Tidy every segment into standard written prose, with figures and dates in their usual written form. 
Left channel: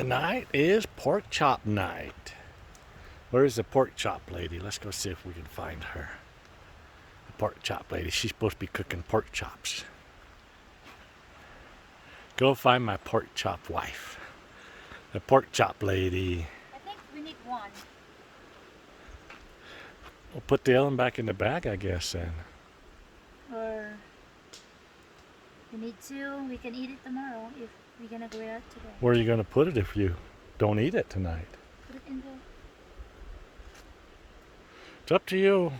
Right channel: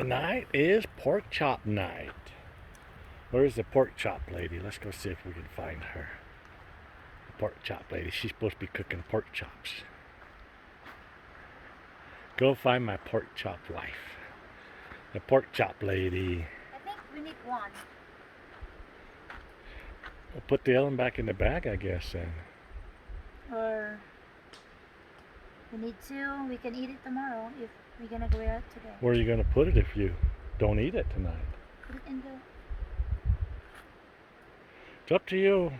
Tonight is pork chop night. Where's the pork chop lady? Let's go see if we can find her. The pork chop lady. She's supposed to be cooking pork chops. Go find my pork chop wife. The pork chop lady. I think we need one. We'll put the other one back in the bag, I guess, then. Or we need two. We can eat it tomorrow if we're gonna grill it today. Where are you going to put it if you don't eat it tonight? Put it in the. It's up to you.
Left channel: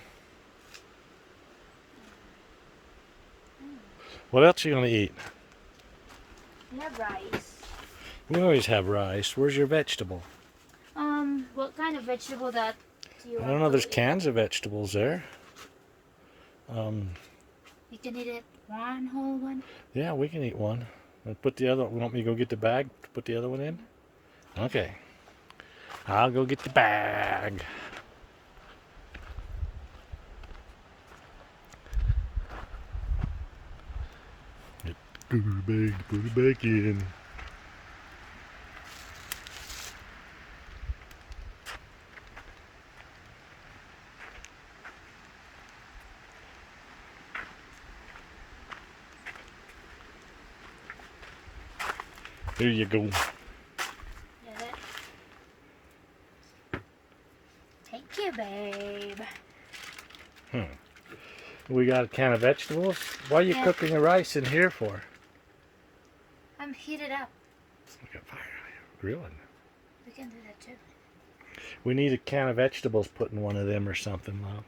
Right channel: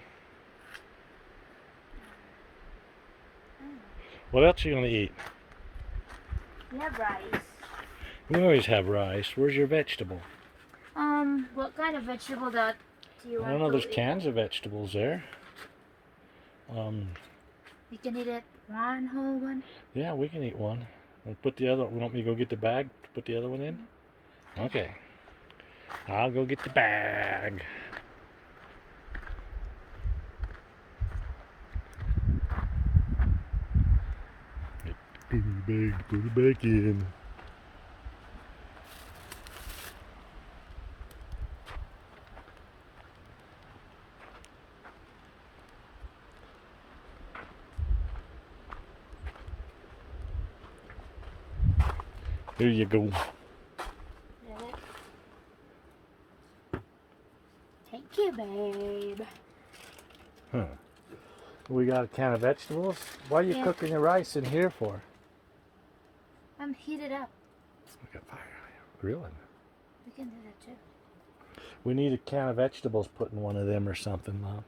What else are you going to eat? We have rice. We always have rice. Where's your vegetable? What kind of vegetable that do you I want? don't know. to There's eat? cans of vegetables there. You can eat it one whole one. Yeah, we can eat one. And put the other. Want me to go get the bag to put the other one in? Okay. I'll go get the bag. Put it back in. Here you go. Get it? Thank you, babe. We got a can of vegetables. Why are you Yeah. cooking the rice in here for? I'm heated up. Look at fire grilling. We can do that too. We need a can of vegetables put in one of them or something, Mom.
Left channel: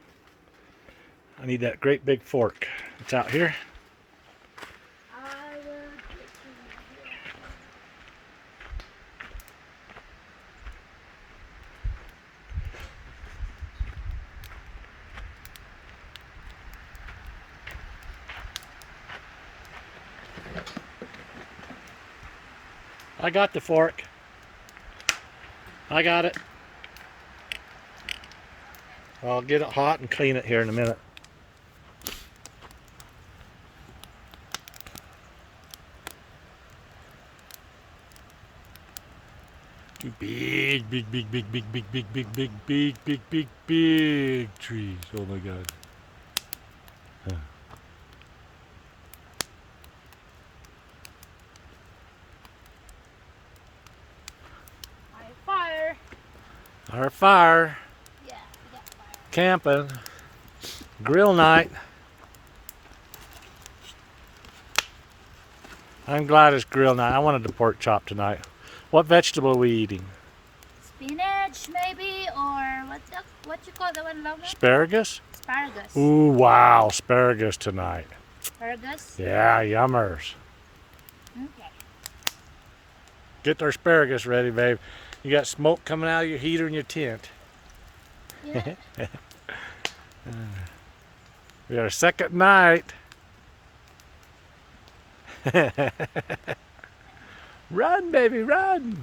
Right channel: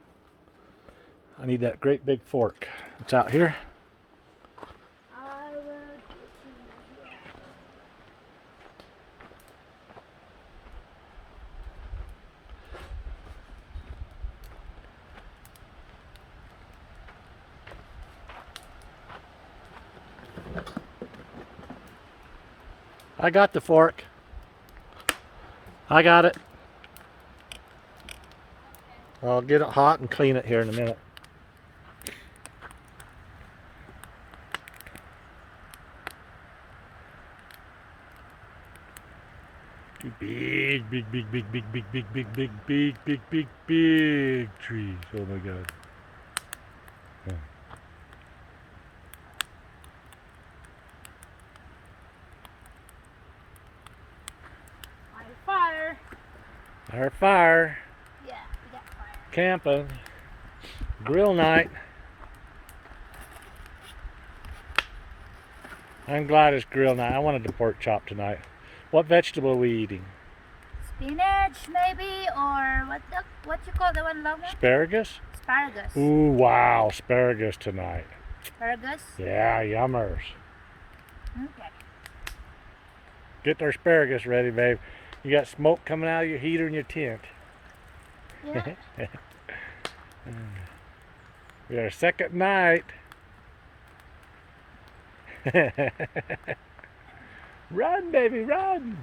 I need that great big fork. It's out here. I will. I got the fork. I got it. I'll get it hot and clean it here in a minute. Big trees. Oh my God. Huh. Fire. Our fire. Yeah, we got fire. Camping. Grill night. I'm glad it's grill night. I wanted the pork chop tonight. What vegetable are we eating? Spinach, maybe, or what you call the one, Loma? Asparagus? Asparagus. Ooh, wow, asparagus tonight. Asparagus. Yeah, yummers. Okay. Get the asparagus ready, babe. You got smoke coming out of your heater in your tent. Yeah. We got a second night. Run, baby, run.